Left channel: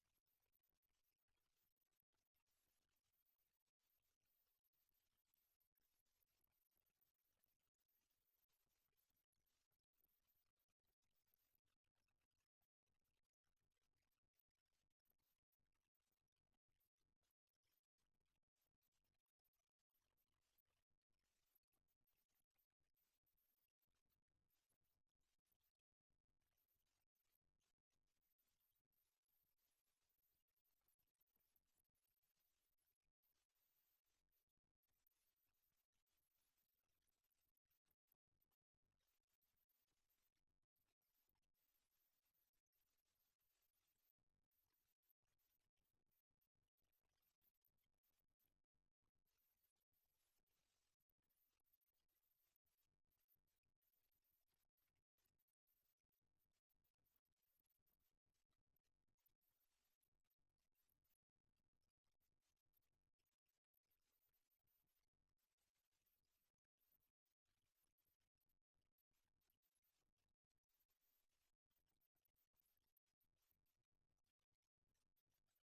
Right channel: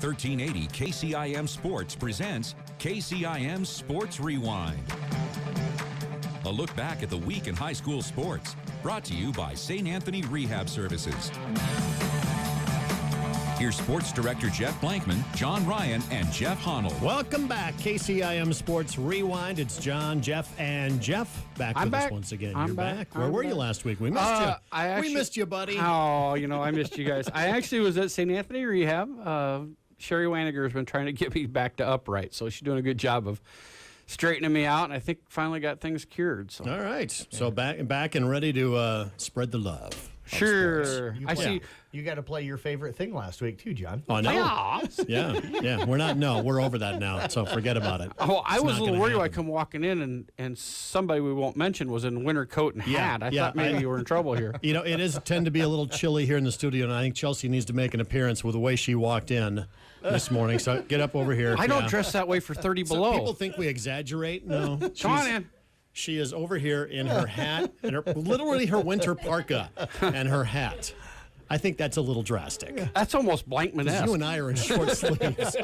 1380 KCIM Sports presents KCIM Sports Rewind. A look back at the week in high school sports. Brought to you by St. Anthony Rehab Services. Here's Sports Director Jeff Blankman, John Ryan, and Jeff Honnold. Welcome back, KCIM Sports Rewind. It's John, Jeff, and Jeff back with us once again. You're back. Where were you last week? We missed you. We missed you, buddy. Oh, I missed you guys. I actually was at St. Anthony Rehab. Sherry Waniger has been trying to get me back to upright, so she's doing a good job of straightening me out, and I think finally got things cured. So. All right. So back and ready to spread the love. Sure. I see. You got to play your favorite thing last week, too, John. Oh, no. Yeah. We're over that now, so forget about it. Oh, I was a little worried when I come walking in, and somebody we won't mention was in winter coat and hat. I thought maybe you were in trouble here. It is tend to be a little chilly here in the studio, and I think Chelsea needs to make an appearance with the way she walked in this morning. So get up over here. I don't dress that way for 30 below. People think we exaggerate. No. Come on in. She is over here in her hat, and literally her winter parka and her hat. I think that's a little drastic. That's almost Blankman-esque. You and I are in short sleeves.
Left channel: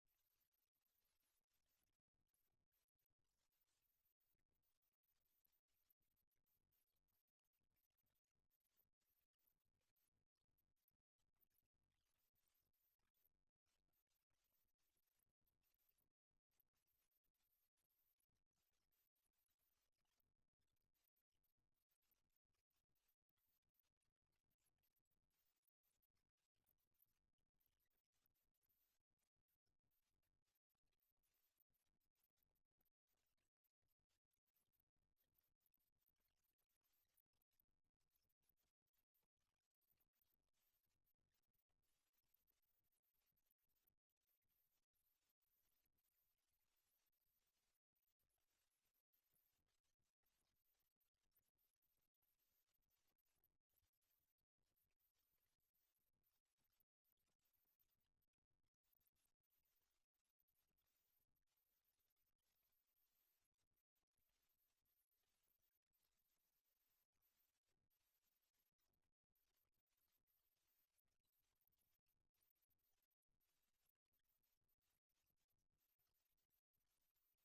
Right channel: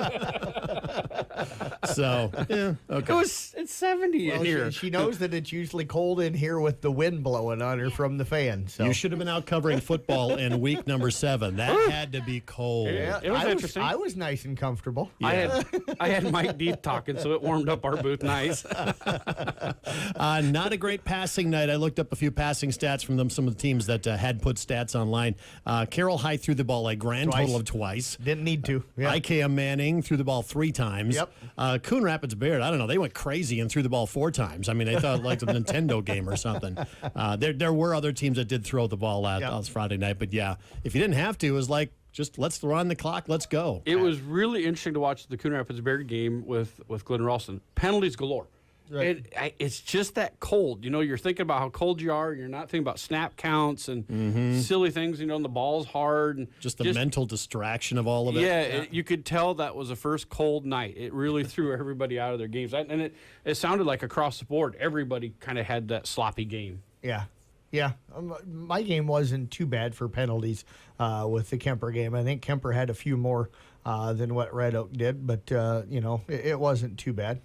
So, yeah, okay. It's 70 in here. She knows that it's usually cold in here with the wind blowing on her from the fan. So. You should have been out covering football in week number 7. That had to be cold. Yeah, it was interesting. I was nice and comfortable. Yeah. I had Mike Deep talking, so it warmed up our booth nice. Not a great passing night. I looked up a few passing stats from some of the teams that had put stats online. Carroll High threw the ball a grand total of twice. Didn't need to. Yeah. IKM Manning threw the ball 3 times. Yep. Coon Rapids Baird, I don't know, they went crazy and threw the ball 4 times. I mean, they thought like a Nintendo game or something. There were other teams that did throw the ball last Friday night, but yeah, if you didn't have to, it was like, just let's run the clock, let's go. It was really interesting to watch the Coon Rapids Baird game with Glenn Ralston. Penalties galore. Right. It's just that cold. You're thinking about how cold you are. You're not thinking about snap counts and silly things. And the ball's hard. And just the mental distraction of all of it. Yeah, you could tell that was the first cold night. It really threw everybody out of their games. And it sounded like across the board, everybody kind of had that sloppy game. Yeah. Yeah, my game wasn't too bad for penalties with the Kemper game. I think Kemper had a few more than what Red Oak did, but it wasn't too bad.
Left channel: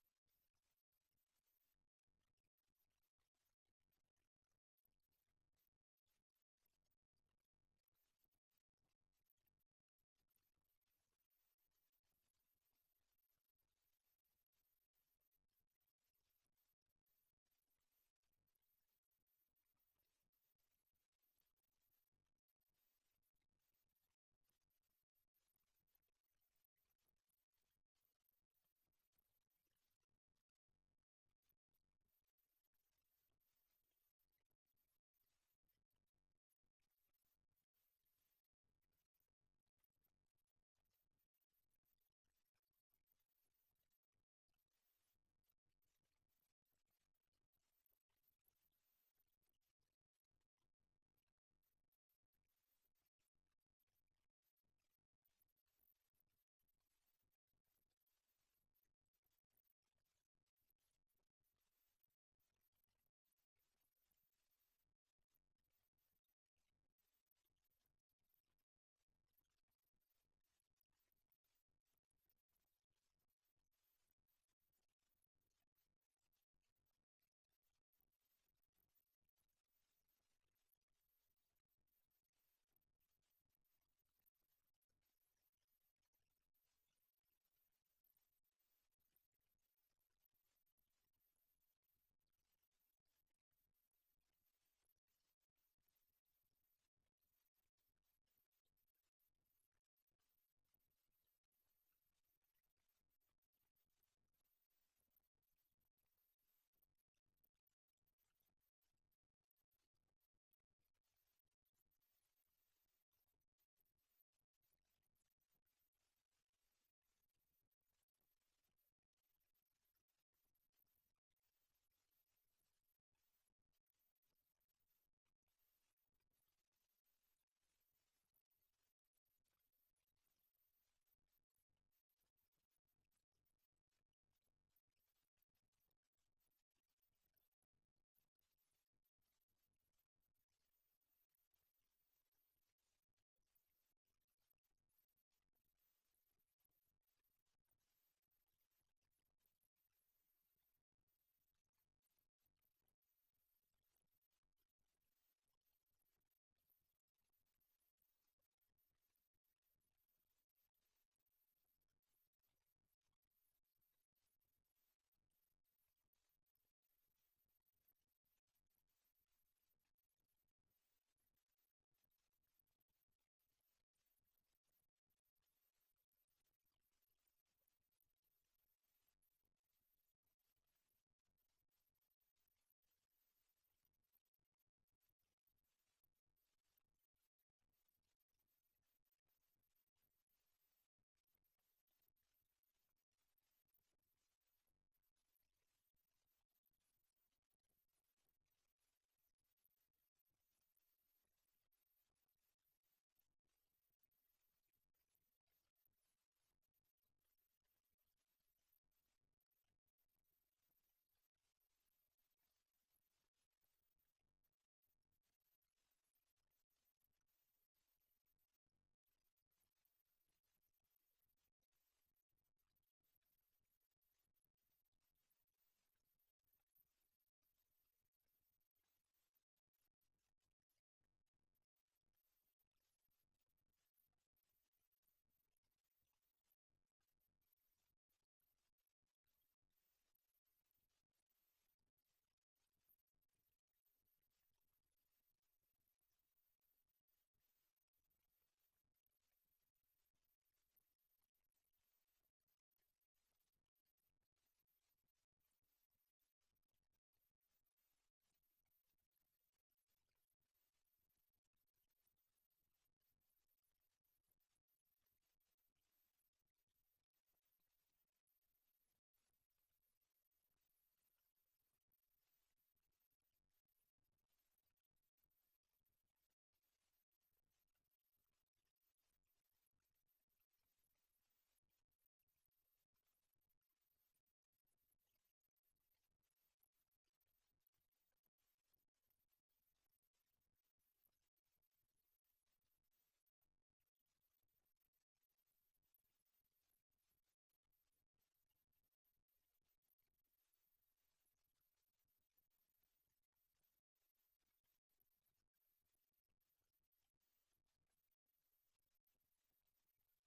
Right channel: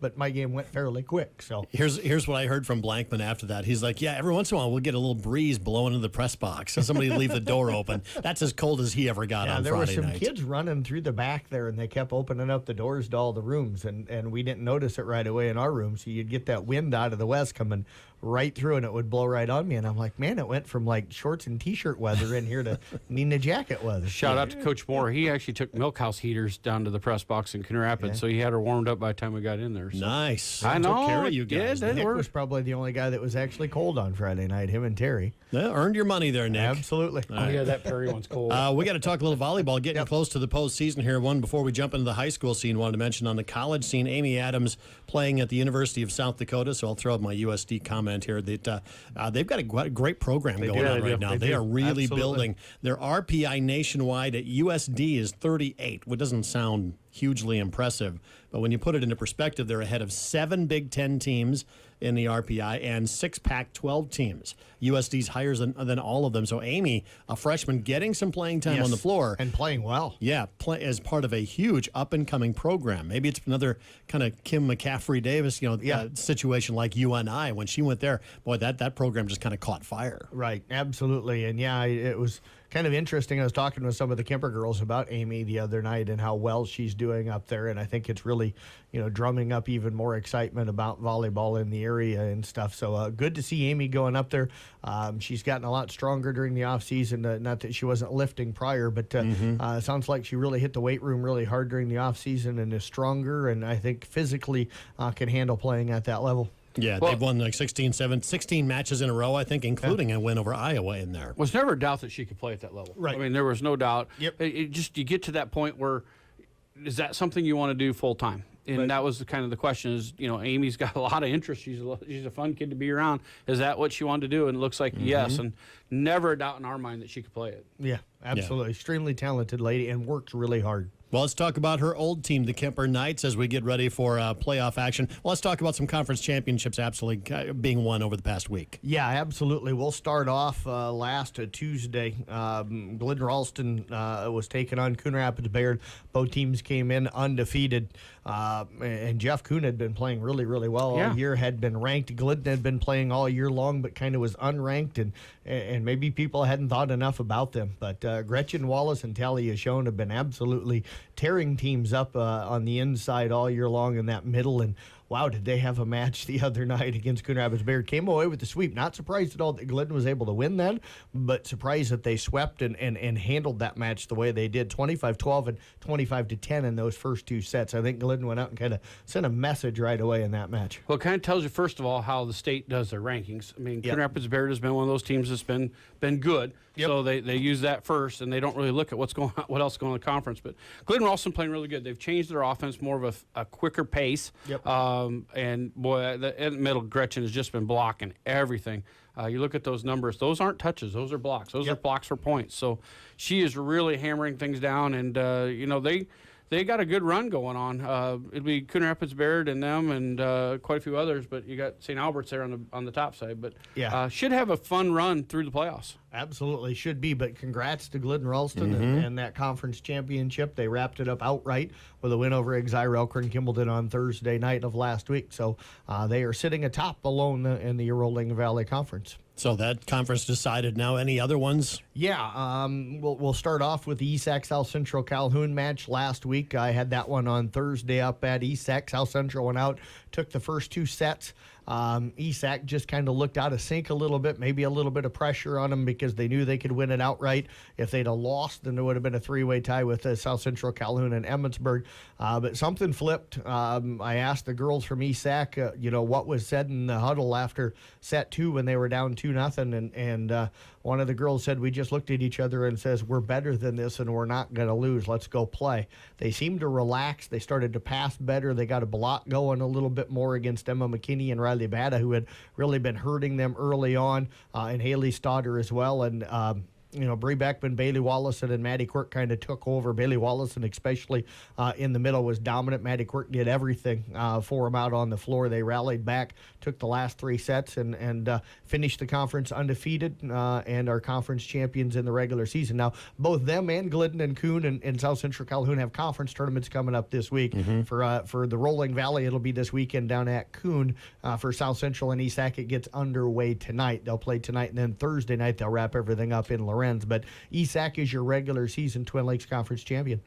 But my game went fairly quick. So here's what I heard from Blankman after that. He's like, "Yeah, every once in a while we'll get a little breeze blowing into the press box, and somebody leave the door open. That's as cold as he ever got on Friday night." There were some kids running through the back there, and they kept opening up the doors to all the rooms, and we didn't notice it right away in our room. So you'd get that wind out of the west coming right through, and it would blow right on me. And I'm like, man, it went from like shorts and T-shirt weather in here to needing a jacket weather. Shout out to Coach Moore. He actually took Milkhouse heaters down to the press box in Coon Rapids, so he had her warmed up by the time we got in there. So. Nice. I know. Took care of you guys. Nick was probably the only guy that was actually cold on Friday night, him and Terry. Yeah, earned your money there, Nick. Absolutely. Yeah, that Perry one's cold. We got to talk a little volleyball, getting close to the postseason here. One before we jump into the high school scene, wanted to mention on the college scene, Amy Adams playing at the University of South Dakota, so I'll throw out my USD comment here. That they've got a great program going on right now. They are really building. Their RPI nationwide at USD is 38, which doesn't sound hugely impressive, but when you put it into perspective, they're ahead of 7 Big Ten teams in the RPI and 6 Pac-12 teams. USD's higher than all of them. So Amy, a freshman, getting some playing time on the floor. And playing well. Yeah, as part of a huge up-and-coming program. Maybe it's another kind of Kim McCaffrey-Davis, situation like UNI. When she went there, boy, that program just kind of caught fire. Right, absolutely. And, it was kind of interesting. I was talking with some of the Kemper girls about Amy the other night and how well she's doing up there, and I think it's really, drumming up even more excitement about volleyball in the area and stuff. So good to see Amy going up there. She's gotten a lot stronger during the off season. Not that she wasn't lifting prior, but it sounds like she really hit the weight room really hard during the off season and is stronger, and I think physically can handle playing at that level. Yeah, they've won like 16 matches in a row, I think, including a win over Iowa in there. Was never a doubt that she could play at that level. Right. I mean, there was no doubt. Yep. You get to that point where, is that something you want to do full time? And that was kind of the question is, Amy's got a lot of interest. She's a fun kid to be around. Is that what she wanted to do? And it looks like yes, and never a doubt in our mind that she could play it. Yeah, absolutely. Extremely talented lady and works really hard. Well, let's talk about her old team, the Kemper Knights, as we get ready for playoff action. Well, let's talk about some conference championships absolutely being won over the past week. Yeah, absolutely. We'll start off last Tuesday. Glidden Ralston was taking on Coon Rapids Bayard. Both teams came in undefeated. And Jeff Kuhn had been playing really, really well all year, had been ranked. Glidden had been playing all year long, but kind of was unranked, and maybe people hadn't thought enough about them. But Gretchen Wallace and Talia Schoen have been absolutely tearing teams up on the inside all year long in that middle. And wow, did they have a match the other night against Coon Rapids Bayard. Came away with the sweep. Not surprised at all that Glidden was able to win that, but surprised that they swept and handled that match the way they did, 25-12 and 25-10 in those first two sets. I think Glidden went out and kind of sent a message right away in that match. Well, it kind of tells you, first of all, how the state does their rankings. I mean, Coon Rapids Bayard has been one of those teams that's been good. So they use that first, and they don't really look at what else is going on in the conference. But Glidden Ralston playing really good. They've changed their offense, more of a quicker pace. And boy, in the middle, Gretchen has just been blocking everything. You look at those numbers; those aren't touches; those are blocks. Those are blocks for points. So she is really hammering things down, and they got a good run going on. It'd be Coon Rapids Bayard and them, and quite a few others. But you got St. Albert's there on the top side. But should have a fun run through the playoffs. Absolutely should be, but congrats to Glidden Ralston and that conference championship. They wrapped it up outright with a win over Exire Elkhorn Kimballton on Thursday night of last week. So they are sitting atop alone in the Rolling Valley Conference. So that conference decided. Now, any other ones? Yeah, we'll start off with the ESAC South Central Calhoun match last week. I had that one on Thursday up at ESAC. South Central went out, took the first two sets. ESAC just kind of looked out of sync a little bit, maybe a little bit of pressure on them because they knew they could win it outright. If they'd have lost, then there would have been a three-way tie with South Central, Calhoun, and Emmetsburg. But something flipped. I asked the girls from ESAC, what was said in the huddle after set two when they were down 2-0, and one of the girls said, we just looked at each other and says, we're better than this and we're not going to lose. Let's go play. They seemed to relax. They started to pass better. They got a block going a little bit more against Emma McKinney and Riley Bada, who had really been hurting them early on, and Haley Stodder as well. And Bree Beckman, Bailey Wallison, and Maddie Quirk kind of took over. Bailey Wallison, especially in the middle, was dominant. Maddie Quirk did everything for them out on the floor. They rallied back, took the last three sets, and finished the conference undefeated and are conference champions in the regular season. Now, both them and Glidden and Coon and South Central Calhoun have conference tournaments coming up this week. For the Rolling Valley, it'll be this weekend down at Coon. For South Central and ESAC, it gets underway tonight. They'll play tonight, and then Thursday night they'll wrap everything up in Lorenz. But ESAC is your regular season Twin Lakes Conference champion.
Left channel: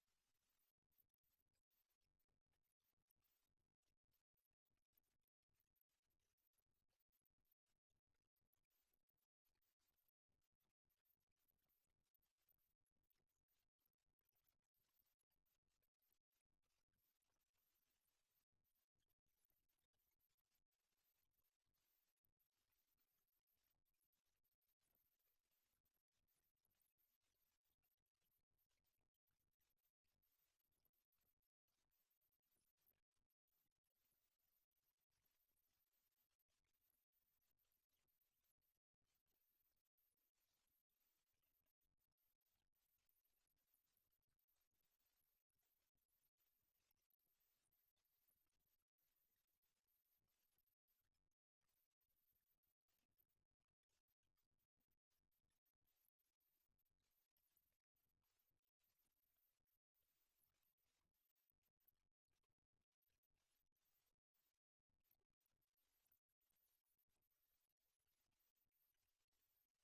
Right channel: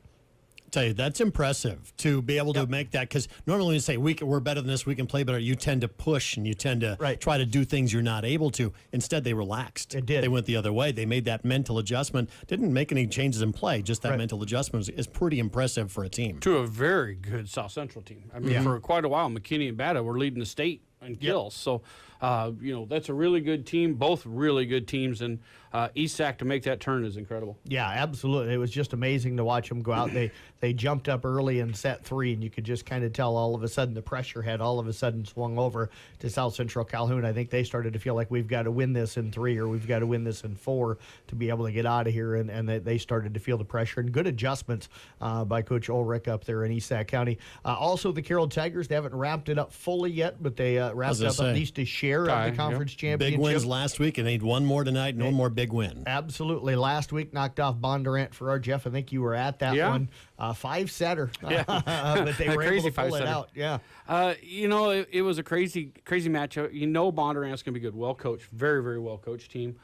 Tell you, that's impressive to be able to make that, because normally when you say we're better than this, we can play better, you tend to push and you tend to try to do things you're not able to. Instead, they relaxed. It did. They went the other way. They made that mental adjustment. Didn't make any changes in play. Just that mental adjustment is pretty impressive for a team. To a very good South Central team. I mean, for quite a while, McKinney and Bada were leading the state in kills. So, that's a really good team. Both really good teams, and ESAC to make that turn is incredible. Yeah, absolutely. It was just amazing to watch them go out. They jumped up early in set three, and you could just kind of tell all of a sudden the pressure had all of a sudden swung over to South Central Calhoun. I think they started to feel like we've got to win this in three or we've got to win this in four to be able to get out of here, and they started to feel the pressure. And good adjustments by Coach Ulrich up there in ESAC County. Also, the Carroll Tigers, they haven't wrapped it up fully yet, but they wrapped up at least a share of the conference championship. Big wins last week, and they need one more tonight. No more big win. Absolutely. Last week knocked off Bondurant for our Jeff. I think you were at that one. 5-setter. But they were able to pull it out. Yeah. It was a crazy match. Bondurant's going to be good. Well coached. Very, very well coached team.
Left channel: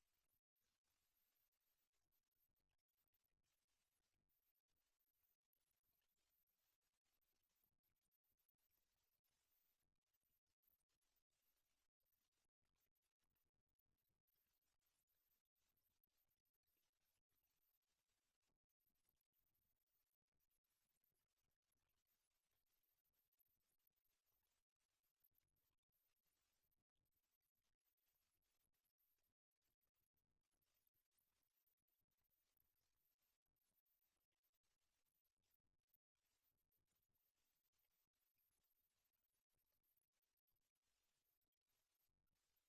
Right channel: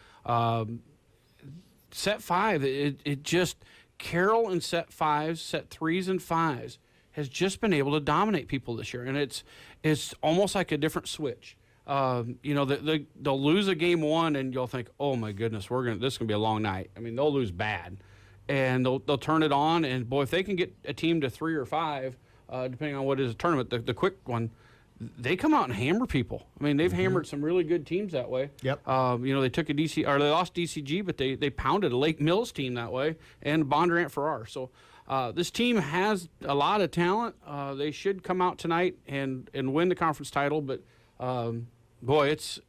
Set 5, it just, Carroll in set 5s, set 3s and 5s has just been able to dominate people this year. And it's almost like a different switch. They'll lose a game one, and you'll think, "Oh my goodness, this is gonna be a long night." I mean, they'll lose bad, and they'll turn it on, and boy, if they can get a team to 3 or 5, depending on what is a tournament, the quick one, they come out and hammer people. I mean, they've hammered some really good toeams that way. Yep. They took they lost DCG, but they pounded a Lake Mills team that way, and Bondurant Farrar. So. This team has a lot of talent. They should come out tonight and win the conference title, but. Boy, it's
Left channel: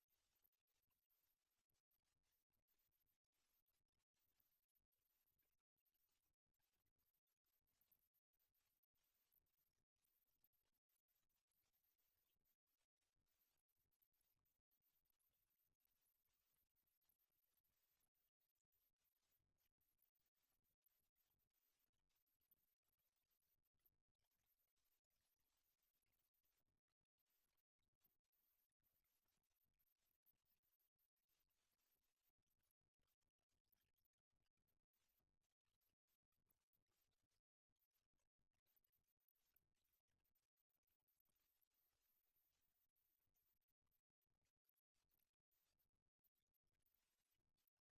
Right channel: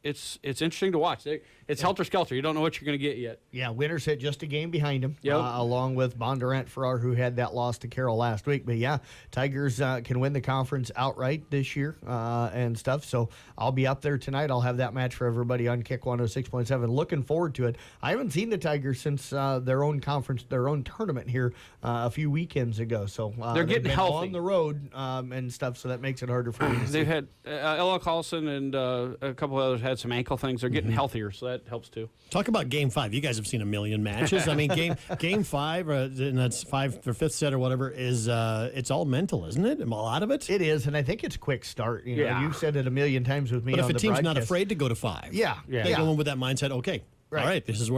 interesting to watch. it's helter-skelter. You don't know what you're going to get yet. Yeah, Winter sit just a game behind him, Yep. Along with Bondurant Farrar, who had that loss to Carroll last week. But yeah, Tigers can win the conference outright this year and stuff. So I'll be up there tonight. I'll have that match for everybody on Kick 106.7. Looking forward to it. I haven't seen the Tigers since their own conference, their own tournament here a few weekends ago. So They're getting been healthy on the road and stuff, so that makes it harder for me to see. They've had Ella Carlson and a couple of others had some ankle things. They're getting healthier, so that helps too. Talk about Game 5. You guys have seen a million matches. I mean, Game 5, and that's 5 or 5th set or whatever, is it's all mental, isn't it? A lot of it? It is, and I think it's quick start. You know, Yeah. you've said it a million times with me. But on if a the team's not broadcast. afraid to go to 5, Yeah. they go in with that mindset, okay, Right. all right, this is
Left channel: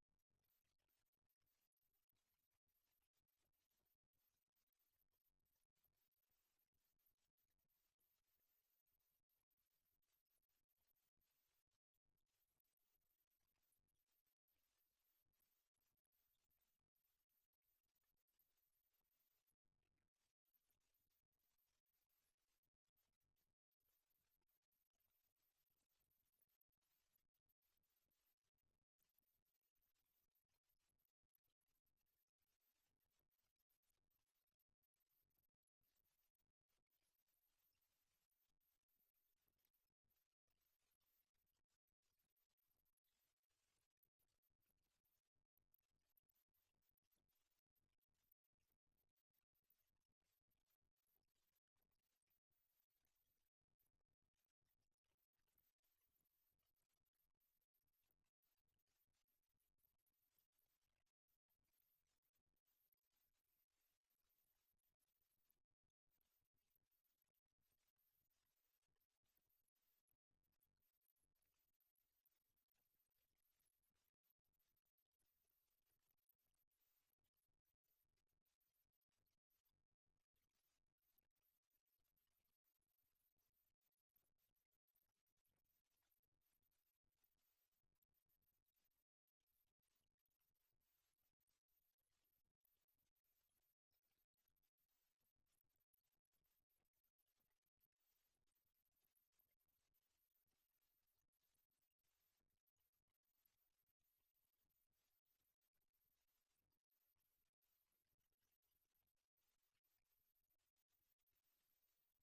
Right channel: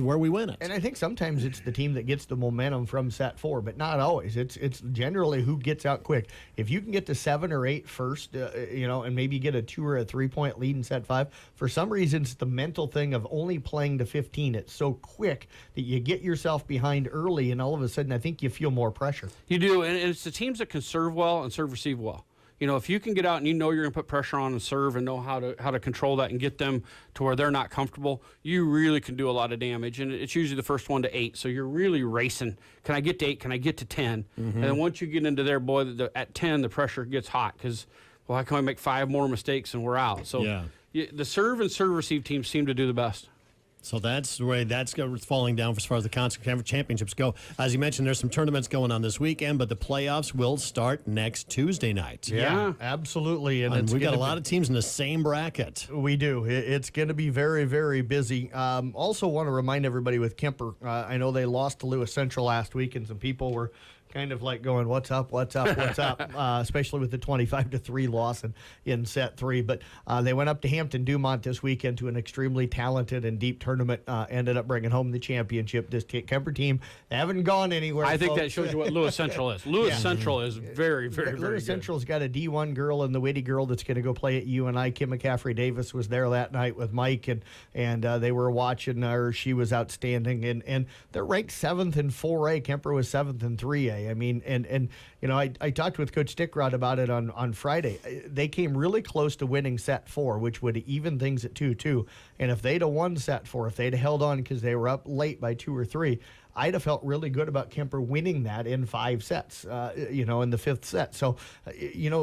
where we win it. And I think sometimes it's the team that gets the momentum from set 4, but not always. It's generally who gets out quick. If you can get to 7 or 8 first, and maybe get a 2 or a 3-point lead in set 5, for some reason it's the mental thing of only playing to 15. It's so quick that you get yourself behind early, and all of a sudden I think you feel more pressure. You do, and it's the teams that can serve well and serve receive well. You know, if you can get out and you know you're going to put pressure on and serve and know how to control that and get them to where they're not comfortable, you really can do a lot of damage. And it's usually the first 1 to 8, so you're really racing. Can I get to 8? Can I get to 10? And then once you get into there, boy, at 10 the pressure gets hot because, well, how can I make 5 more mistakes and we're out? So the serve and serve receive teams seem to do the best. So that's the way that's falling down as far as the conference championships go. As you mentioned, there's some tournaments going on this weekend, but the playoffs will start next Tuesday night. Yeah. Absolutely. And we got a lot of teams in the same bracket. We do. It's going to be very, very busy. Also want to remind everybody with Kemper, I know they lost to Lewis Central last week, and some people were kind of like going, what's up, especially with the 25-3 loss in set 3. But they went up to Hampton Dumont this weekend to an extremely talented and deep tournament, ended up bringing home the championship. This Kemper team, they haven't gone anywhere. I think folks. that shows you what Lewis Central is. Lewis Central is very, very, very Lewis good. Central's got a D1 girl and the Witty girl that's going to go play at UNI. Kim McCaffrey Davis was there that night with Mike, and they were watching her. She was outstanding, and they're ranked 7th in 4A. Kemper was 7th in 3A. I mean, and I talked with Coach Stickrod about it on Friday. They came really close to winning set 4, which would even things at 2-2. And if they'd have won set 4, if they'd have held on because they were up late by 2 or 3, I'd have felt really good about Kemper winning that in 5 sets, in the 5th set. So,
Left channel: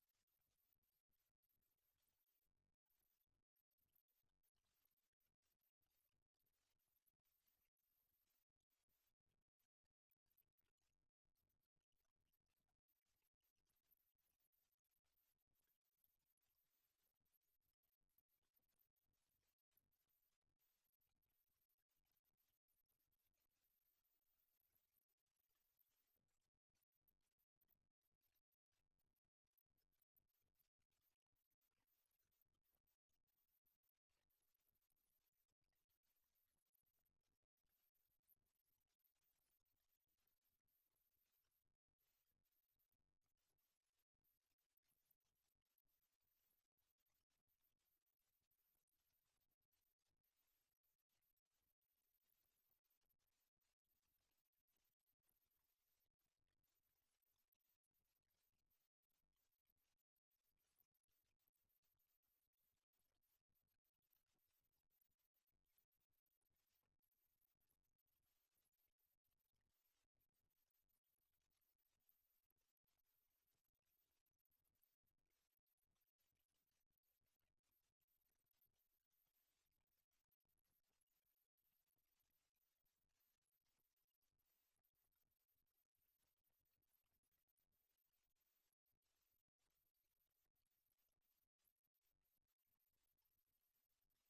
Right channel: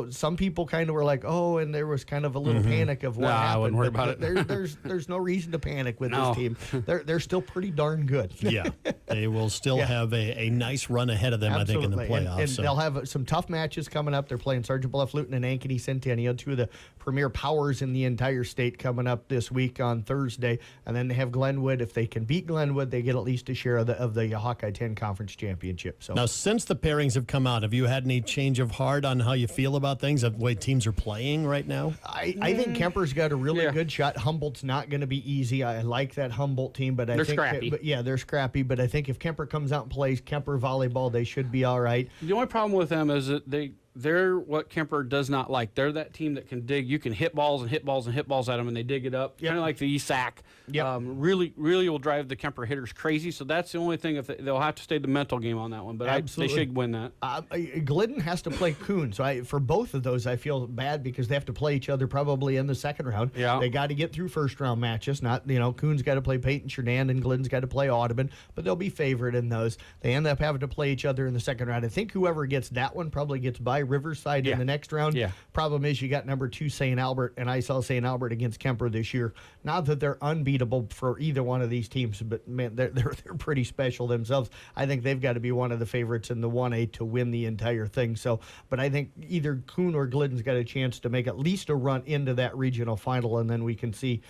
some people kind of were like, oh, and there was kind of a little panic of what happened. I wouldn't worry about it. There's no reason to panic with this team. They're still pretty darn good. Yeah, they will still have a nice run ahead of them, Absolutely. I think, in the playoffs. And they'll have some tough matches coming up. They're playing Sergeant Bluff Luton and Ankeny Centennial, 2 of the premier powers in the entire state, coming up this week on Thursday. And then they have Glenwood. If they can beat Glenwood, they get at least a share of the Hawkeye 10 Conference Championship. So now, since the pairings have come out, have you had any change of heart on how you feel about things, of the way teams are playing right now? I think Kemper's got a really good shot. Humboldt's not going to be easy. I like that Humboldt team, but They're scrappy. They're scrappy. But I think if Kemper comes out and plays Kemper volleyball, they should be all right. The only problem with them is that they're what Kemper does not like. They're that team that can dig. You can hit balls and hit balls and hit balls at them, and they dig it up. Kind of like the ESAC. Yep. Really will drive the Kemper hitters crazy. So that's the only thing. If they'll have to stay the mental game on that one, but they should win that. Glidden has to play Coon, so for both of those, I feel bad because they have to play each other probably in the second round. Yeah. They got to get through first round matches. Not Coon's got to play Peyton Sheridan and Glidden's got to play Audubon, but they'll be favored in those. They end up having to play each other in the second round. I think whoever gets that one probably gets by Riverside in the next round. Yeah. Problem is you got number 2 St. Albert, and I saw St. Albert against Kemper this year. Not that they're unbeatable for either one of these teams, but man, they're pretty special themselves. I think they've got to be one of the favorites in the 1A to win the entire thing. So, but I think either Coon or Glidden's got a chance to make at least a run into that regional final, and then we can see,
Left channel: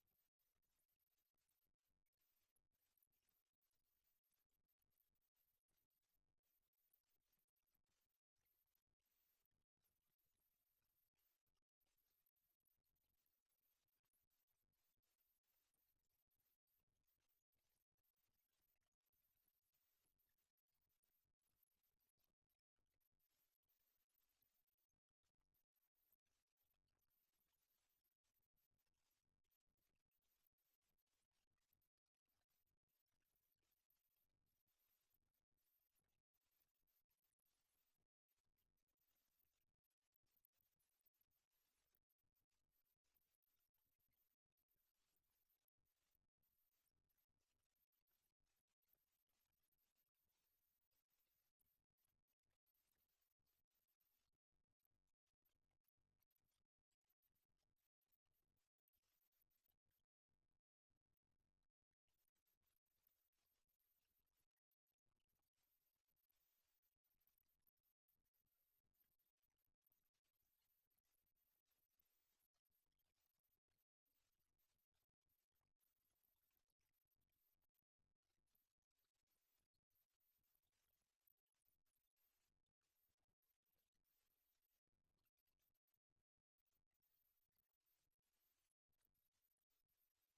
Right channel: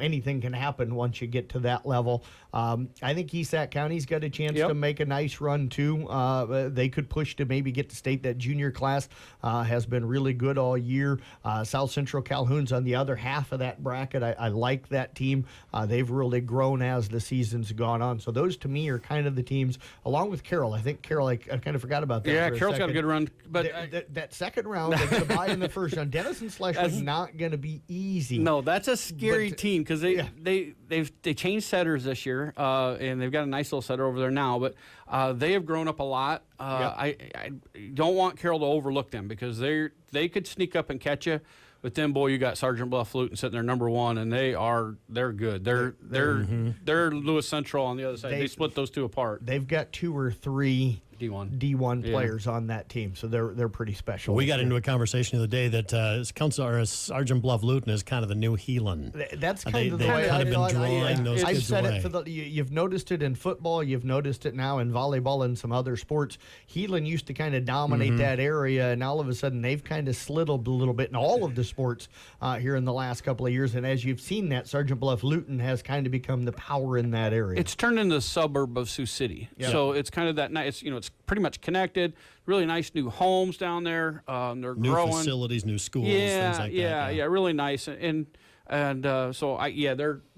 anything can happen once you get to that level. I think ESAC County's got a chance to make a nice run too. They could push to maybe get to state. That junior class has been really good all year. South Central Calhoun's on the other half of that bracket. I like that team. They've really grown as the season's gone on. So those to me are kind of the teams, along with Carroll. I think Carroll, I kind of forgot about that. Yeah, Carroll's got a good run, but that second round, they get a bye in the first round. Denison Schleswig's not going to be easy. No, that's a scary team because they changed setters this year, and they've got a nice little setter over there now. But they have grown up a lot. I don't want Carroll to overlook them because they could sneak up and catch you. But then, boy, you got Sergeant Bluff Luton sitting there number 1, and they're good. They're Lewis Central on the other side. They split those two apart. They've got 2 or 3 D1 Yeah. players on that team, so they're pretty special. We got into a conversation the other day that Sergeant Bluff Luton is kind of the new Heelan. That's kind They- of they've the way kind of been I drawing those I've kids said away. it you've noticed it in football, you've noticed it now in volleyball and some other sports. Heelan used to kind of dominate that area, and all of a sudden they've kind of slid a little bit in all of the sports here in the last couple of years. And as you've seen that, Sergeant Bluff Luton has kind of become the power in that area. It's turned into a suburb of Sioux City. Yeah. So it's kind of that nice, it's pretty much connected. Really nice new homes down there. They're New growing. facilities, new schools, things like that. Yeah, really nice. And so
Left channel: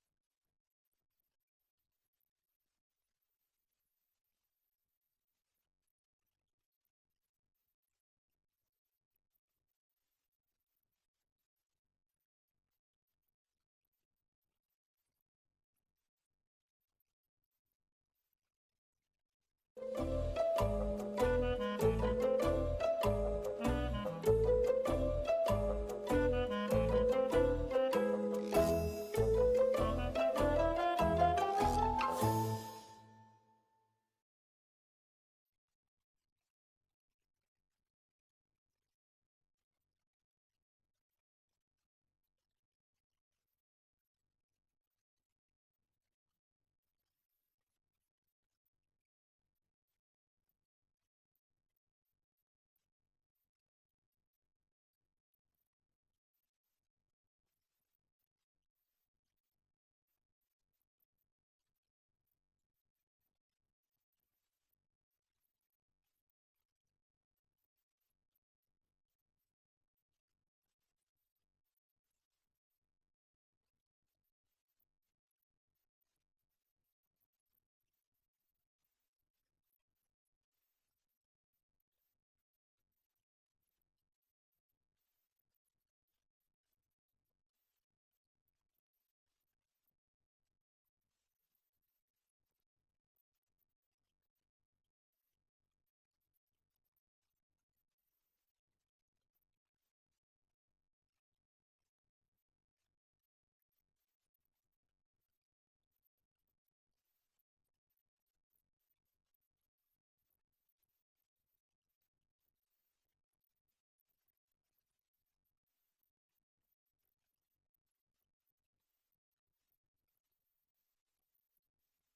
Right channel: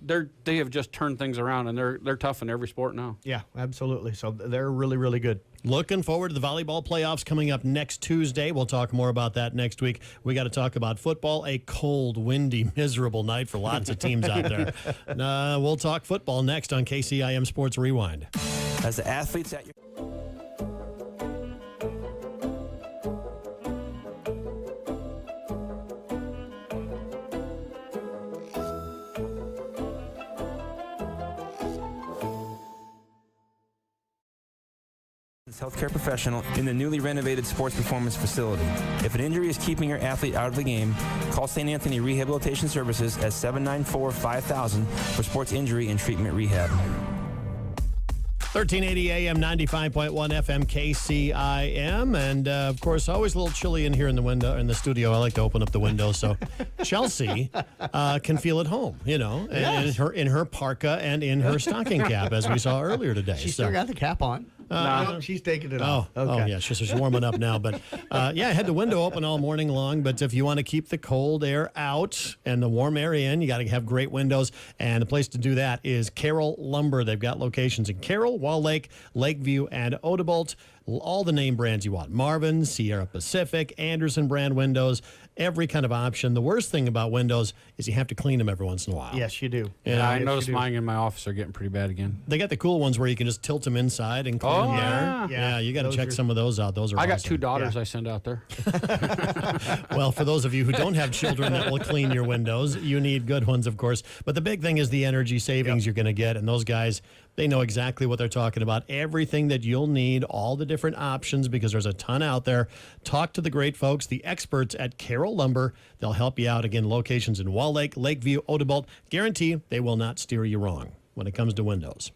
they have just turned things around, and they're tough in every sport now. Yeah, absolutely. So they're really, really good. Looking forward to the volleyball playoffs coming up next Tuesday. We'll talk more about that next week. We got to talk about football. A cold, windy, miserable night for lots of teams out there. We'll talk football next on KCIM Sports Rewind. As the athletes at your healthcare professional in the newly renovated sports performance facility. If an injury is keeping your athlete out of the game, call St. Anthony Rehabilitation Services at 794-5000 for sports injury and treatment rehab. 1380 AM, 95.1 FM, KCIM. And, of course, always a little chilly in here in the studio. I like to open up the window so Chelsea can feel at home, Yes. in her parka and in her stocking cap, as we saw earlier today. She still got the cap on. No, she's taking it Oh, off. Okay. oh, yeah, she's warming up now. But, I had the window open all morning long. But if you want to keep the cold air out and the warm air in, you got to have great windows. And the place to do that is Carroll Lumber. They've got locations in Carroll, Wall Lake, Lakeview, and Odebolt. All the name brands you want. Marvin, Sierra Pacific, Anderson brand windows, every kind of option. The worst thing about windows is you have to clean them every once in a while. Yes, you do. Yeah, I Yes, noticed you do. mine in my office are getting pretty bad again. They got the cool ones where you can just tilt them inside and clean Oh, them yeah. there. Yeah, you got to Those check are- some of those out. Those are I got awesome. 2 daughters I send out there. Well, for those of you who don't have children that will clean your windows, you need good ones, of course. But the big thing is the energy savings you're going to get. And those guys, they know exactly what they're talking about. Everything that you'll need, all the different options, because there's a ton out there. Talk to the great folks, the experts at Carroll Lumber. They'll help you out. Again, locations in Wall Lake, Lakeview, Odebolt. Guarantee they will not steer you wrong when it comes to windows.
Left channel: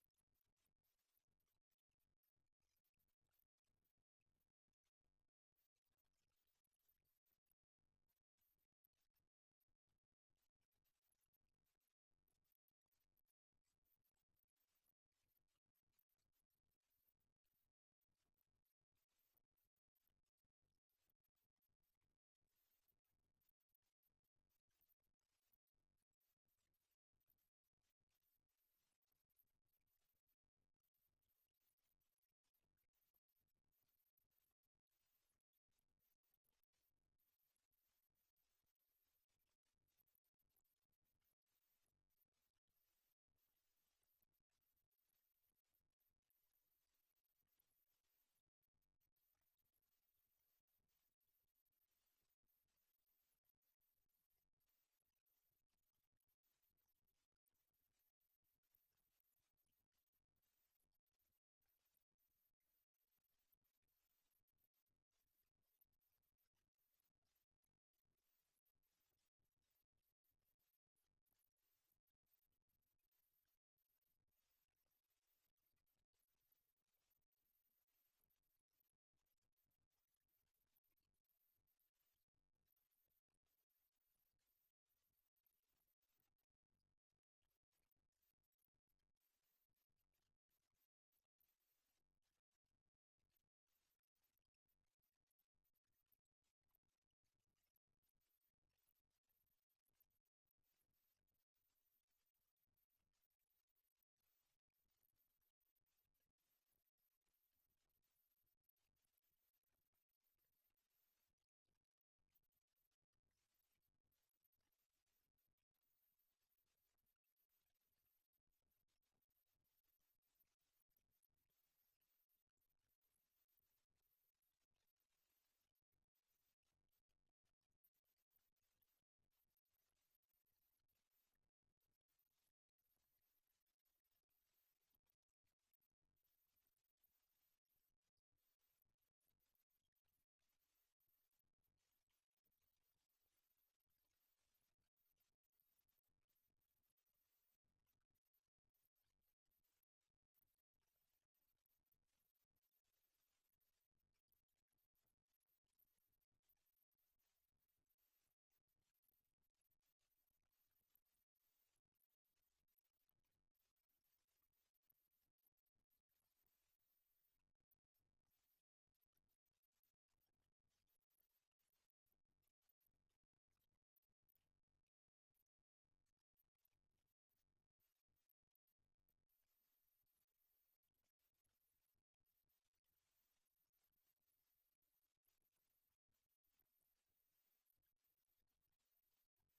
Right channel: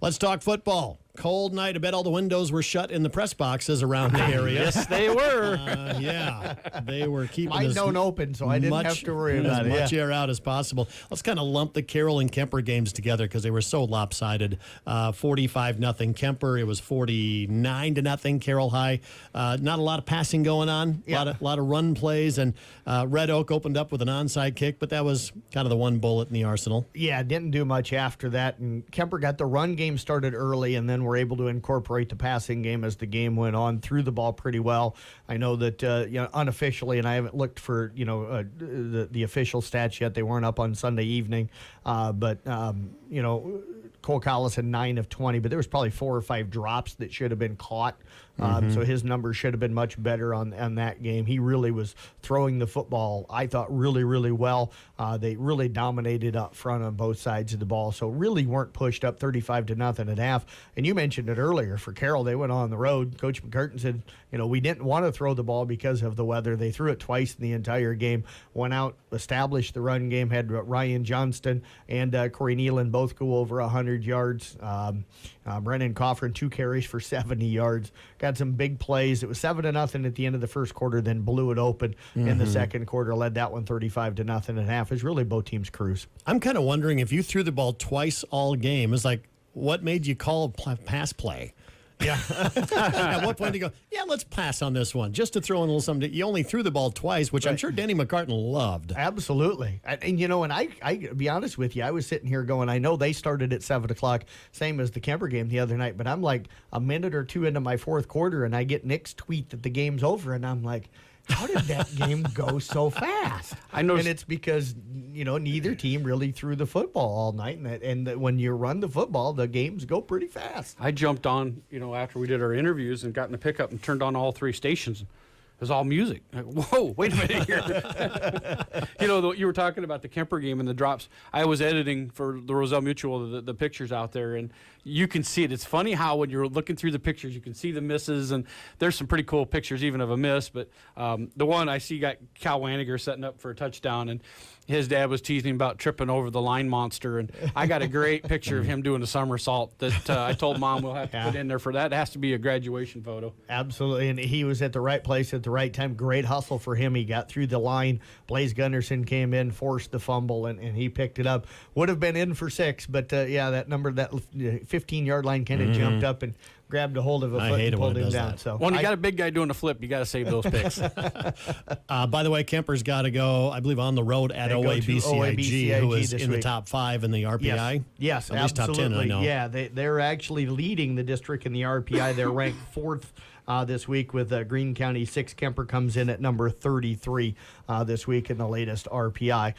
Let's talk football. Cold night. I bet all the windows were shut in the press boxes around the area. Yes, they were. Yeah, they were keeping Mine as don't open, so I didn't have to worry about as it. much air out as possible. Let's kind of lump the Carroll and Kemper games together because they were so lopsided. 45-0 Kemper. It was 49-0 Carroll High. Not a lot of passing going on. Yeah. A lot of run plays, and Red Oak opened up with an onside kick, but that was kind of the one bullet in the arsenal. Yeah, didn't do much after that. And Kemper got the run game started early, and then were able to incorporate the passing game as the game went on. Threw the ball pretty well. I know that unofficially, and I haven't looked for the official stats yet. They weren't up on Sunday evening, but Cole Collis had 9 of 20, but there was probably 4 or 5 drops that should have been caught. So his numbers should have been much better on that game. He really was throwing the football, I thought, really, really well. They really dominated up front on both sides of the ball, so really weren't pushed up 35-0 at half. And you mentioned it earlier. For Carroll, they went on the road. Coach McCurtain said, we didn't want to throw the ball because of the weather. They threw it twice in the entire game, went out, established the run game, had Ryan Johnston and Corey Nealon both go over 100 yards. Brennan Coffrin, 2 carries for 70 yards. Got some big plays. It was 7-0 at the end of the first quarter, then blew it open in the second quarter, led that one 35-0 at half. It was really both teams' cruise. I'm kind of wondering if you threw the ball twice all game, it's like, what made you call a pass play? Yeah. At what point do you go, let's pass on this one, just to throw in a little something? You only threw the ball twice, which I'm sure Danny McCartan loved. Absolutely. And I be honest with you, I was sitting here going, I know they started at 7 o'clock, same as the Kemper game the other night, but I'm like a minute or two into my fourth quarter, and I get Nick's tweet that the game's over, and I'm like, how did that game go so fast? I know, and it's because neither team really threw the football all night, and when you run the football, the games go pretty fast. I jumped on, after we did our interviews and got in the pickup and turned on all 3 stations. It was all music. Like, whoa, wait a minute here. You were talking about the Kemper game and the drops. I was editing for the Roselle Mutual, the pictures out there, and you can see it. It's funny how when you're looking through the pictures, you can see the misses, and there's some pretty cool pictures even of a miss. But the one I see got Cal Waniger setting up for a touchdown, and his dad was teasing him about tripping over the line monster, and I got a great picture of him doing a somersault that I told Mom we'll have to put in there for that. It has to be a graduation photo. Absolutely, and he was at the right place at the right time. Great hustle for him. He got through the line. Blaze Gunderson came in, forced the fumble, and he picked it up. Would have been in for 6, but that number, that 15-yard line kind of jumped up and grabbed a hold of a foot and pulled him down. That. So when you got a big guy doing a flip, you got to save those picks. By the way, Kemper's got to go, I believe, on the road at OABCIG, who is in the top 5 in the RPI. Yes, at least top 10, I know. Yeah, they're actually leading the district in the RPI. They're ranked 4th this week with Greene County 6. Kemper comes in at number 33 this week in the latest RPI.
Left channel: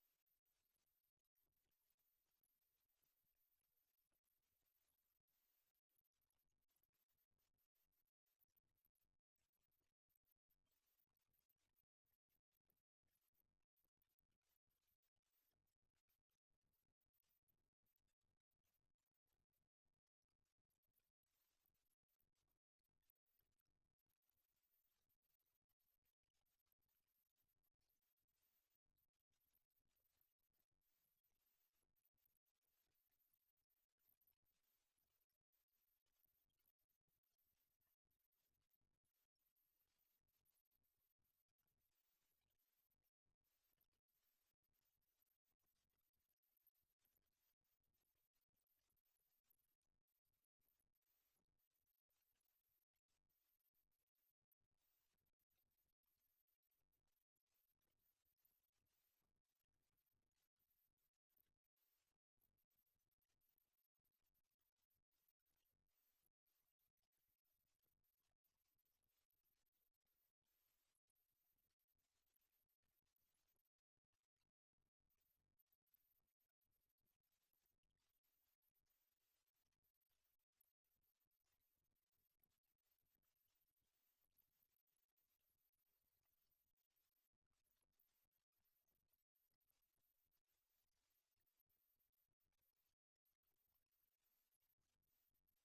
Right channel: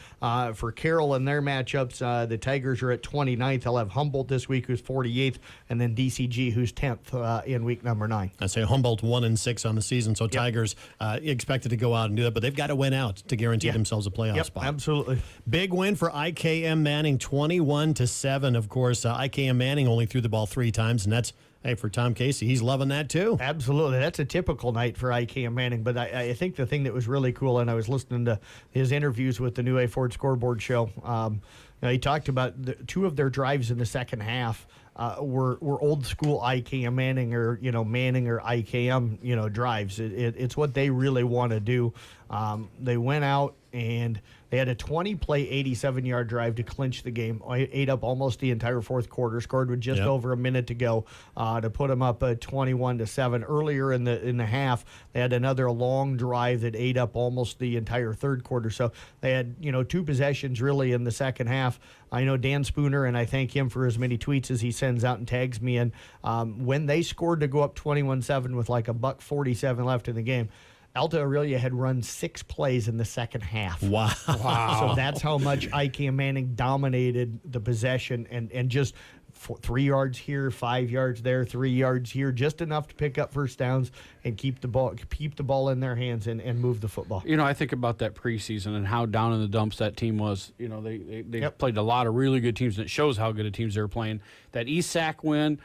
For Carroll and their matchups, the Tigers are at 29th. They'll have Humboldt this week, who's 48th, and then DCG, who's 10th in week number 9. I say Humboldt 1-6 on the season, so Tigers expected to go out and do that, but they've got to win out to guarantee themselves a playoff spot. Absolutely. Big win for IKM Manning, 21-7. Of course, IKM Manning only threw the ball 3 times, and that's for Tom Casey, he's loving that too. Absolutely. That's a typical night for IKM Manning. But I think the thing that was really cool, and I was listening to his interviews with the New A Ford Scoreboard show, he talked about 2 of their drives in the second half were old school IKM Manning or Manning or IKM drives. It's what they really want to do. They went out and they had a 20-play, 87-yard drive to clinch the game. Ate up almost the entire fourth quarter. Scored with just over a minute to go to put them up 21-7. Earlier in the half, they had another long drive that ate up almost the entire third quarter. So they had 2 possessions really in the second half. I know Dan Spooner, and I thank him for as many tweets as he sends out and tags me in. When they scored to go up 21-7 with like $1:47 left in the game, Alta Aurelia had run 6 plays in the second half. Wow. So that's how much IKM Manning dominated the possession and just 3 yards here, 5 yards there, 3 yards here, just enough to pick up first downs and keep the ball in their hands and move the football. I think about that preseason and how down in the dumps that team was. They played a lot of really good teams, and it shows how good a teams they were playing. That East Sac win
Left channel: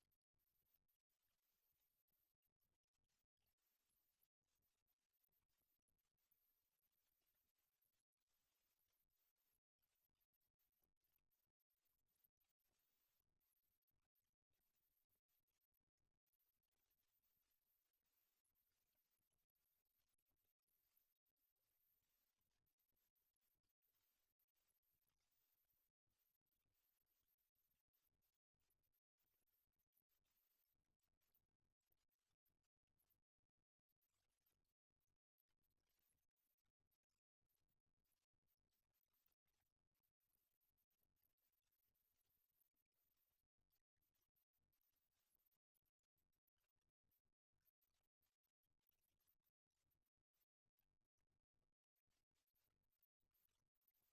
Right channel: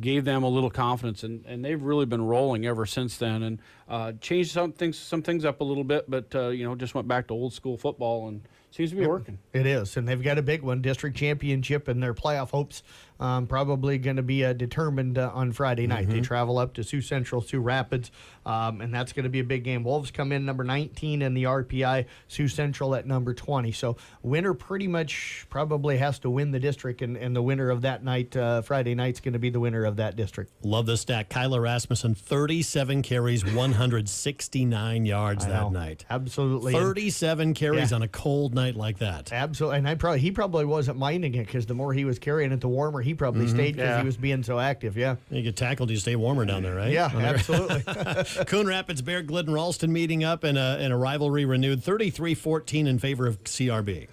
gave them a little confidence, and they've really been rolling ever since then, and changed some things up a little bit, but just went back to old school football and seems to be working. It is, and they've got a big one, district championship, and their playoff hopes probably going to be determined on Friday night. They travel up to Sioux Central, Sioux Rapids, and that's going to be a big game. Wolves come in number 19 in the RPI, Sioux Central at number 20. So winner pretty much probably has to win the district, and the winner of that night, Friday night's going to be the winner of that district. Love the stat. Kyla Rasmussen, 37 carries, 169 yards that night. Absolutely. 37 carries on a cold night like that. Absolutely. And he probably wasn't minding it, because the more he was carrying it, the warmer he probably stayed, because he was being so active. Yeah. You get tackled, you stay warmer down there, right? Yeah, absolutely. Coon Rapids, Bear, Glidden, Ralston meeting up in a rivalry renewed, 33-14 in favor of CRB.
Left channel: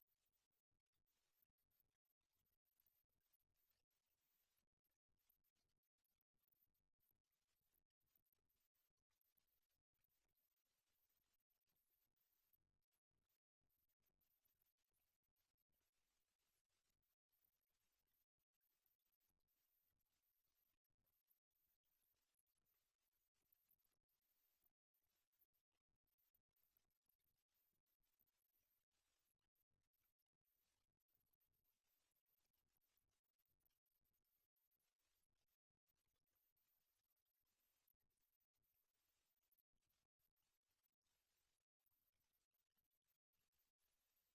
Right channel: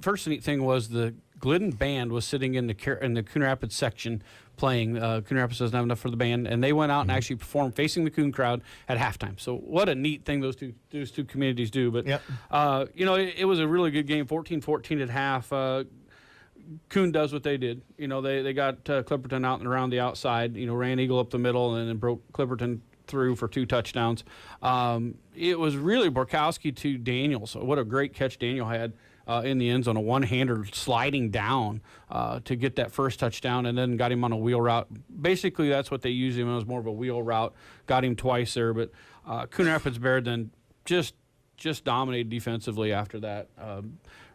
First neat thing was the Glidden band was sitting in the Coon Rapids section playing. Coon Rapids doesn't have enough for the band, and they went out and actually performed facing the Coon crowd at halftime. So what a neat thing those two communities do. But it was a really good game, 14-14 at half. Coon does what they did. They got Clipperton out and around the outside. Ran Eagle up the middle and then broke Clipperton through for 2 touchdowns. It was really Borkowski to Daniel. So what a great catch Daniel had in the end zone, a one-hander sliding down to get that first touchdown, and then got him on a wheel route. Basically, that's what they used him. It was more of a wheel route. Got him twice there, but Coon Rapids Bear then just dominated defensively after that.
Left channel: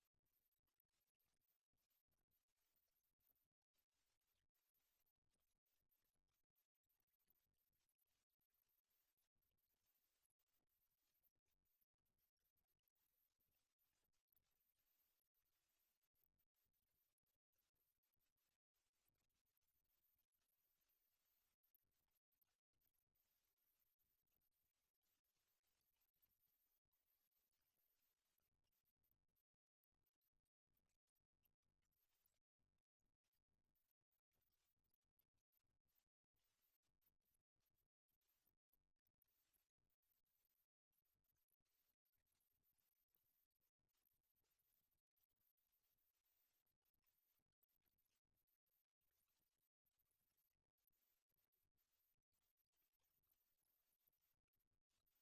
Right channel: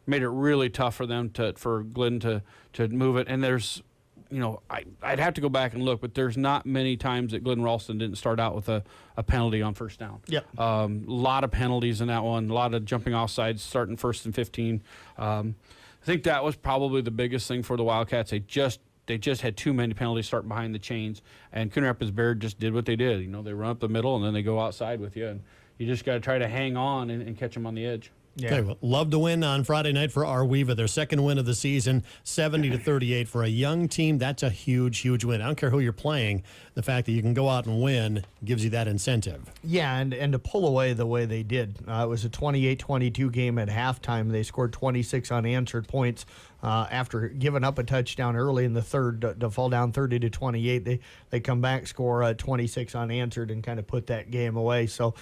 Made it really tough for them for Glidden to move it. And there's, I'd have to go back and look, but there's not many times that Glidden Ralston didn't start out with a penalty on first down. Yep. A lot of penalties in that one, a lot of jumping off sides, starting 1st and 15. I think that was probably the biggest thing for the Wildcats. They just had too many penalties starting behind the chains, and Coon Rapids Bear just did what they did. They run up the middle, and then they go outside with you, and you just got to try to hang on and catch them on the edge. Yeah. Okay, well, love to win on Friday night for Arweva, their second win of the season, 70-38 for a young team. That's a huge, huge win. I don't care who you're playing. The fact that you can go out and win gives you that incentive. Yeah, and to pull away the way they did. It was a 28-22 game at halftime. They scored 26 unanswered points after giving up a touchdown early in the third to fall down 30-28. They come back, score 26 unanswered, and kind of put that game away. So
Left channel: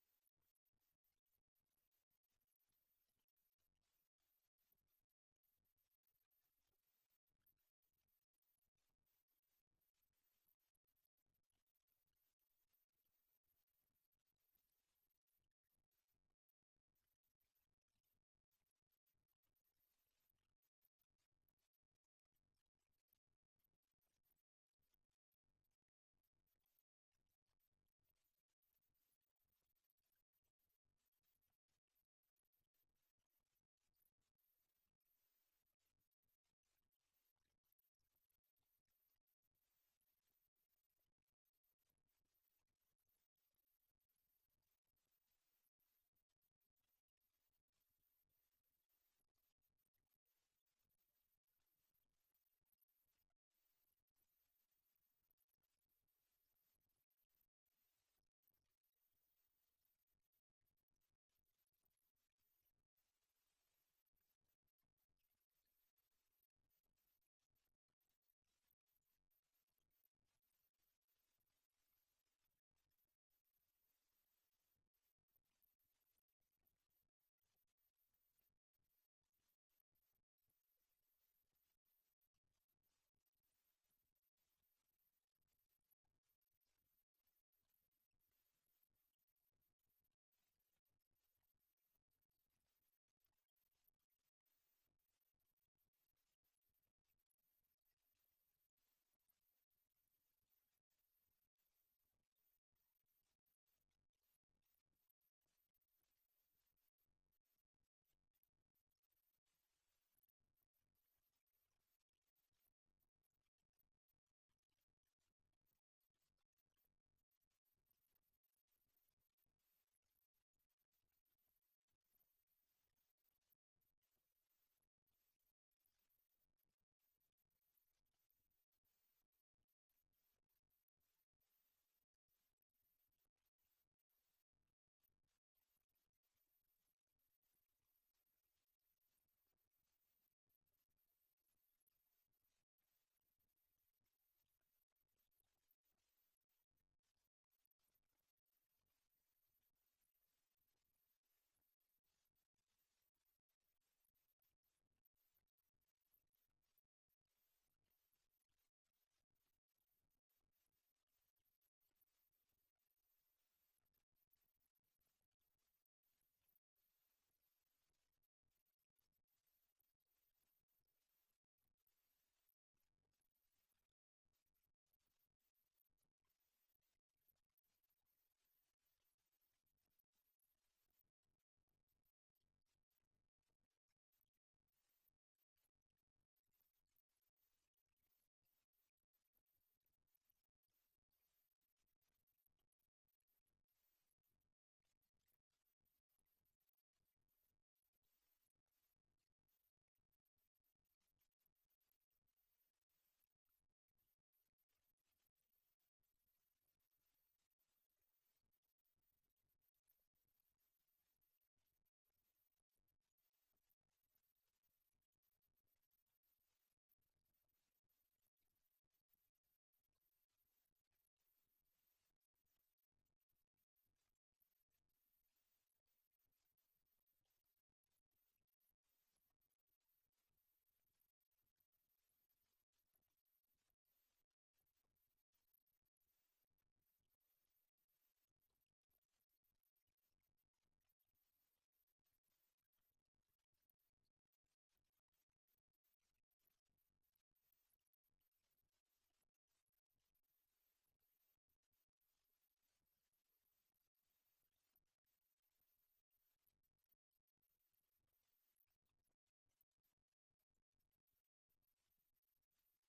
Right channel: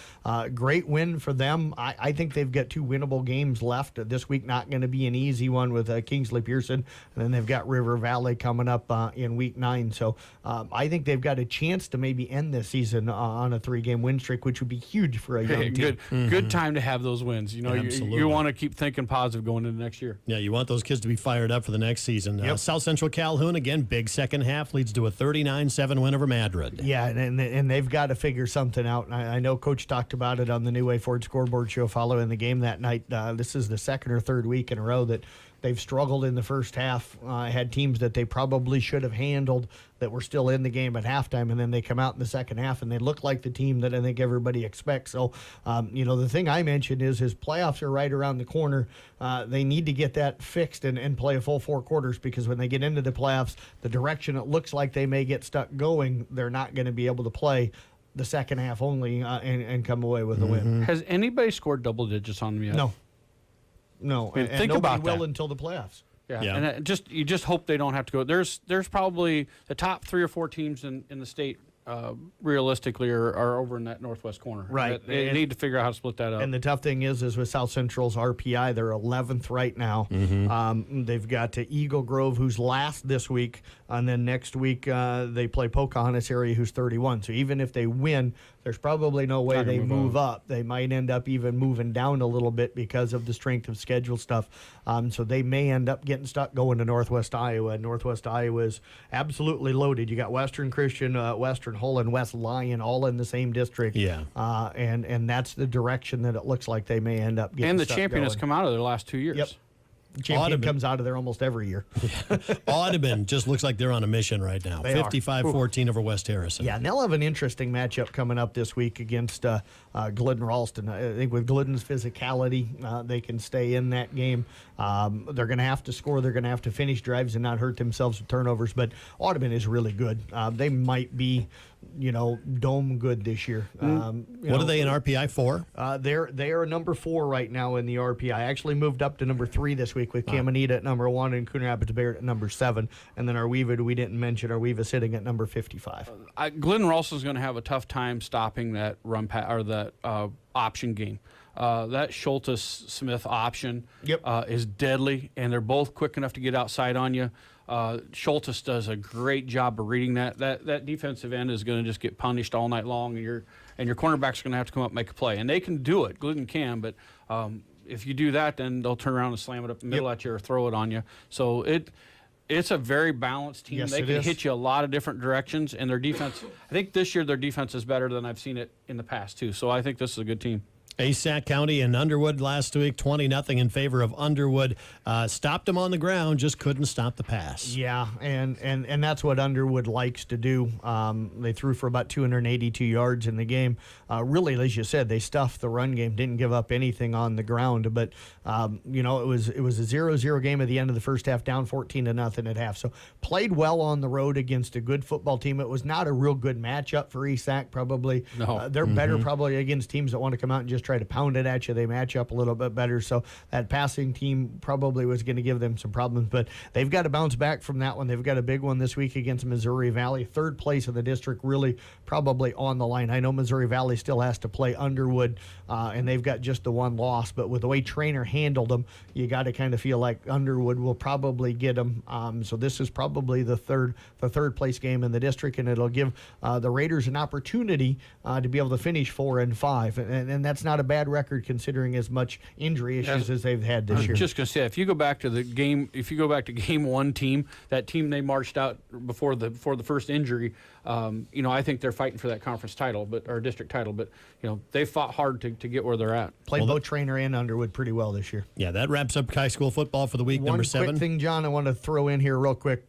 great win for them. I think they've got 2 winnable games left this week. Not going to be an easy one with Kingsley Pearson, and then they've got River Valley coming up in week 9. So I think they've got a chance to maybe end this season on a 3-game win streak, which would be huge for a young team. Good time to have those wins. You know, you want to keep thinking positive going into next year. Yeah, you want those kids to be fired up for the next season. Yep. South Central Calhoun, again, big second half, leads to a 39-7 win over Madrid. Yeah, and they've got to figure something out. I know Coach talked about it on the New Way Ford scoreboard show following the game that night. This is the second or third week in a row that they've struggled in the first half. Had teams that they probably should have handled that were still in the game at halftime, and then they come out in the second half and they look like the team that I think everybody expects. So, the thing I mentioned is his playoffs are right around the corner. They need to get that fixed and play a full 4 quarters, because when they get into the playoffs, the direction it looks like they may get stuck going, they're not going to be able to play the second half only and come away with a win. Has anybody scored double digits on them yet? No, And think nobody about will that. until the playoffs. Yeah. And you just hope they don't have to go. There's probably the top 3 or 4 teams in the state realistically are over in that northwest corner. Right. They need to figure out how to split that up. And the tough thing is with South Central's RPI, they're 11th right now. They've got Eagle Grove, who's last this week, and then next week they play Pocahontas area, who's 31. So even if they win, there's probably no way they move up. They might end up even moving down a little bit because of the strength of schedule stuff. So they may end up getting stuck going to Northwest Iowa. Northwest Iowa is absolutely loaded. You got Western Christian, Western Hull, and West Lyon all in the same district. Yeah. And that's the direction that it looks like they may end up getting and the stuck champion has going. come out of there the last 2 years. Yep. Champion Audubon comes out of there almost every year. Audubon just looks like they're on a mission right now. They are. 55-14 over West Harrison. Yeah, and they'll have an interesting matchup coming up this week against Glidden Ralston. I think with Glidden's physicality, they can stay in that game. They're going to have to score. They're going to have to finish drives and not hurt themselves with turnovers. But Audubon is really good. They might be, dome good this year. What are they in RPI for? They are number 4 right now in the RPI. Actually moved up to number 3 this week with Caminita at number 1 and Coon Rapids Bayard at number 7. And then Arweva, we didn't mention, Arweva sitting at number 55. Glidden Ralston's going to have a tough time stopping that that option game. That Schultes-Smith option is deadly, and they're both quick enough to get outside on you. Schultes does a great job of reading that. That defensive end is going to just get punished all night long, and your cornerback's going to have to come up and make a play. And they can do it. Glidden can, but if you do that, then they'll turn around and slam it up the middle at you or throw it on you. So it's a very balanced team. Yes, they can hit you a lot of different directions, and their defense, I think this year their defense is better than I've seen it in the past, too. So I think this is a good team. ASAC County and Underwood last week, 20-0 in favor of Underwood. Stopped them on the ground, just couldn't stop the pass. Yeah, and that's what Underwood likes to do. They threw for about 282 yards in the game. Really, as you said, they stuffed the run game, didn't give up anything on the ground. But it was a 0-0 game at the end of the first half, down 14-0 at half. So played well on the road against a good football team. It was not a real good matchup for ESAC. Probably, they're better probably against teams that want to come out and just try to pound it at you. They match up a little bit better. So that passing team probably was going to give them some problems, but they've got to bounce back from that one. They've got a big one this week against Missouri Valley. 3rd place in the district, really probably on the line. I know Missouri Valley still has to play Underwood, and they've got just the 1 loss, but with the way Trainer handled them, you got to kind of feel like Underwood will probably get them. So this is probably the third place game in the district, and it'll give the Raiders an opportunity to be able to finish 4-5, and that's not a bad record considering as much injury issues as they've had this year. Just going to say, if you go back to game 1 team, that team they marched out before the first injury, I think they're fighting for that conference title, or district title, but they fought hard to get where they're at. Played both Trainer and Underwood pretty well this year. Yeah, that wraps up high school football for the week. Number 7. One quick thing, John, I want to throw in here real quick.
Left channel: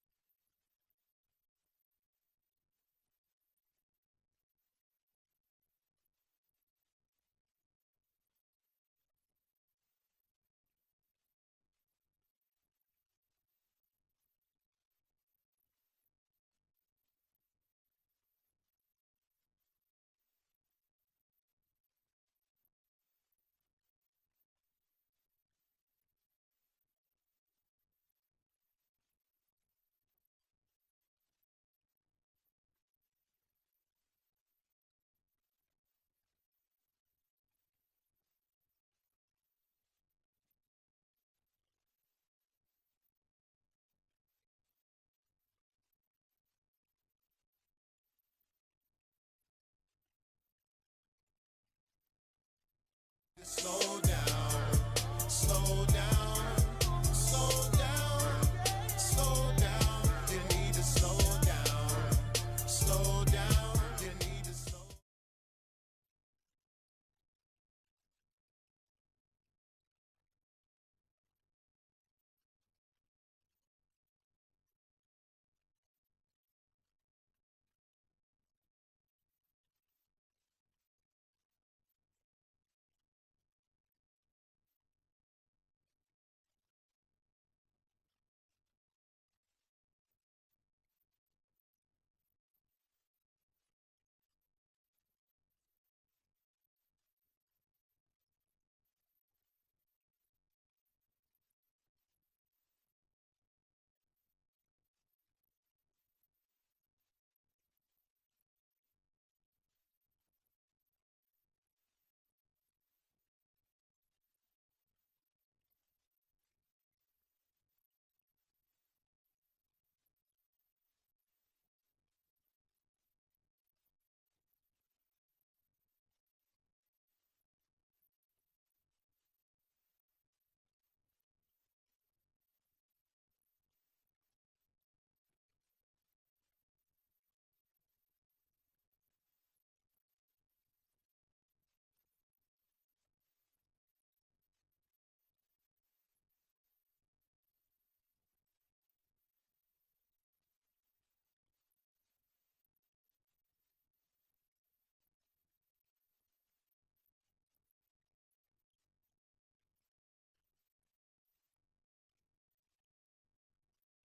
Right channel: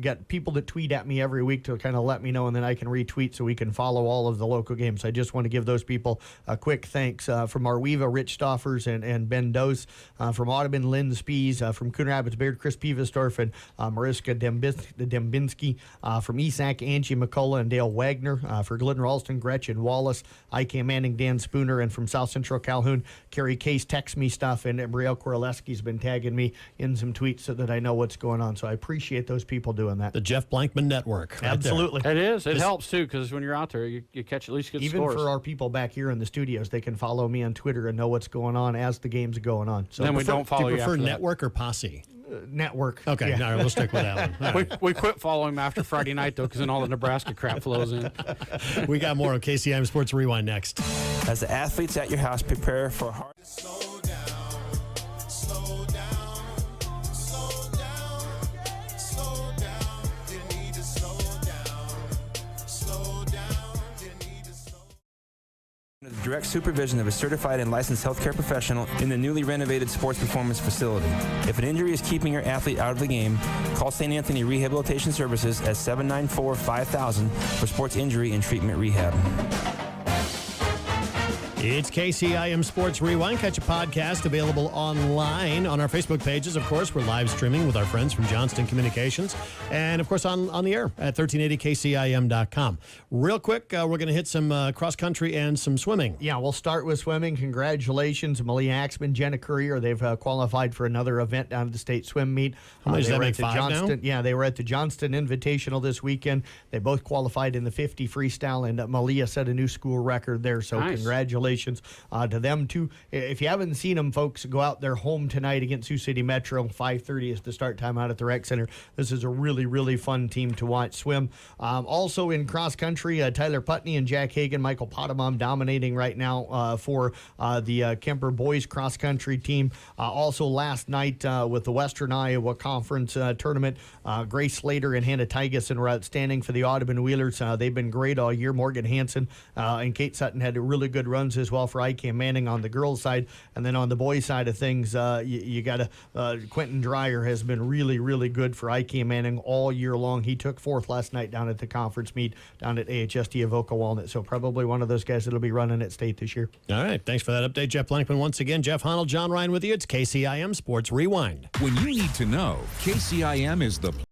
Got people that tweet at me every week to kind of let me know, and then I can retweet so we can follow all of the local games. I just want to give those people a quick thanks. Phoenix, from Arweva, Rich Stoffers and Ben Dose, from Audubon, Lynn Spies, from Coon Rapids Beard, Chris Pivesdorf and Mariska Dembinski, from ESAC, Angie McCullough and Dale Wagner, for Glidden Ralston, Gretchen Wallace, IK Manning, Dan Spooner, and from South Central Calhoun, Carrie Case texts me stuff, and Brielle Koraleski's been tagging me in some tweets so that I know what's going on. So I appreciate those people doing that. The Jeff Blankman Network. Right Absolutely. It is. It helps, too, because when you're out there, you catch at least good Even scores. for our people back here in the studios, they can follow me on Twitter and know what's going on as the game's going on. So Then we don't follow Do you you prefer after that. network or posse? Network. Okay, Yeah. all right, we'll stick with that one. All right. We quit following him after Friday night, though, because then all the Nebraska crap flows in. We got more on KCIM Sports Rewind next. As the athletes at your house prepare for hard. Slow down, slow down, slow down, slow down. You need to slow down, slow down. You need to slow. Under the direct supervision of a certified and licensed healthcare professional in the newly renovated sports performance facility. If an injury is keeping your athlete out of the game, call St. Anthony Rehabilitation Services at 794-5000 for sports injury and treatment rehab. It's KCIM Sports Rewind. Catch a podcast available online on our Facebook pages. Of course, we're live streaming with our friends from Johnston Communications. And, of course, on the air at 1380kcim.com. Real quick, we're going to hit some cross-country and some swimming. Yeah, we'll start with swimming. Congratulations, Malia Axman, Jenna Courier. They've qualified for another event down at the state swim meet. How many does They that were make, at the 5 now? Johnston, yeah, they were at the Johnston Invitational this weekend. They both qualified in the 50 freestyle, and Malia set a new school record there. So Nice. congratulations to them, too. If you haven't seen them, folks, go out there home tonight against Sioux City Metro. 5:30 is the start time out at the rec center. This is a really, really fun team to watch swim. Also in cross country, Tyler Putney and Jack Hagan, Michael Potamom dominating right now for the Kemper boys cross country team. Also last night with the Western Iowa Conference tournament, Grace Slater and Hannah Tygeson were outstanding for the Audubon Wheelers. They've been great all year. Morgan Hansen and Kate Sutton had really good runs as well for IK Manning on the girls' side. And then on the boys' side of things, you got Quentin Dreyer has been really, really good for IK Manning all year long. He took 4th last night down at the conference meet down at AHST Avoca Walnut. So probably one of those guys that'll be running at state this year. All right, thanks for that update, Jeff Blankman. Once again, Jeff Honnold, John Ryan with you. It's KCIM Sports Rewind. When you need to know, KCIM is the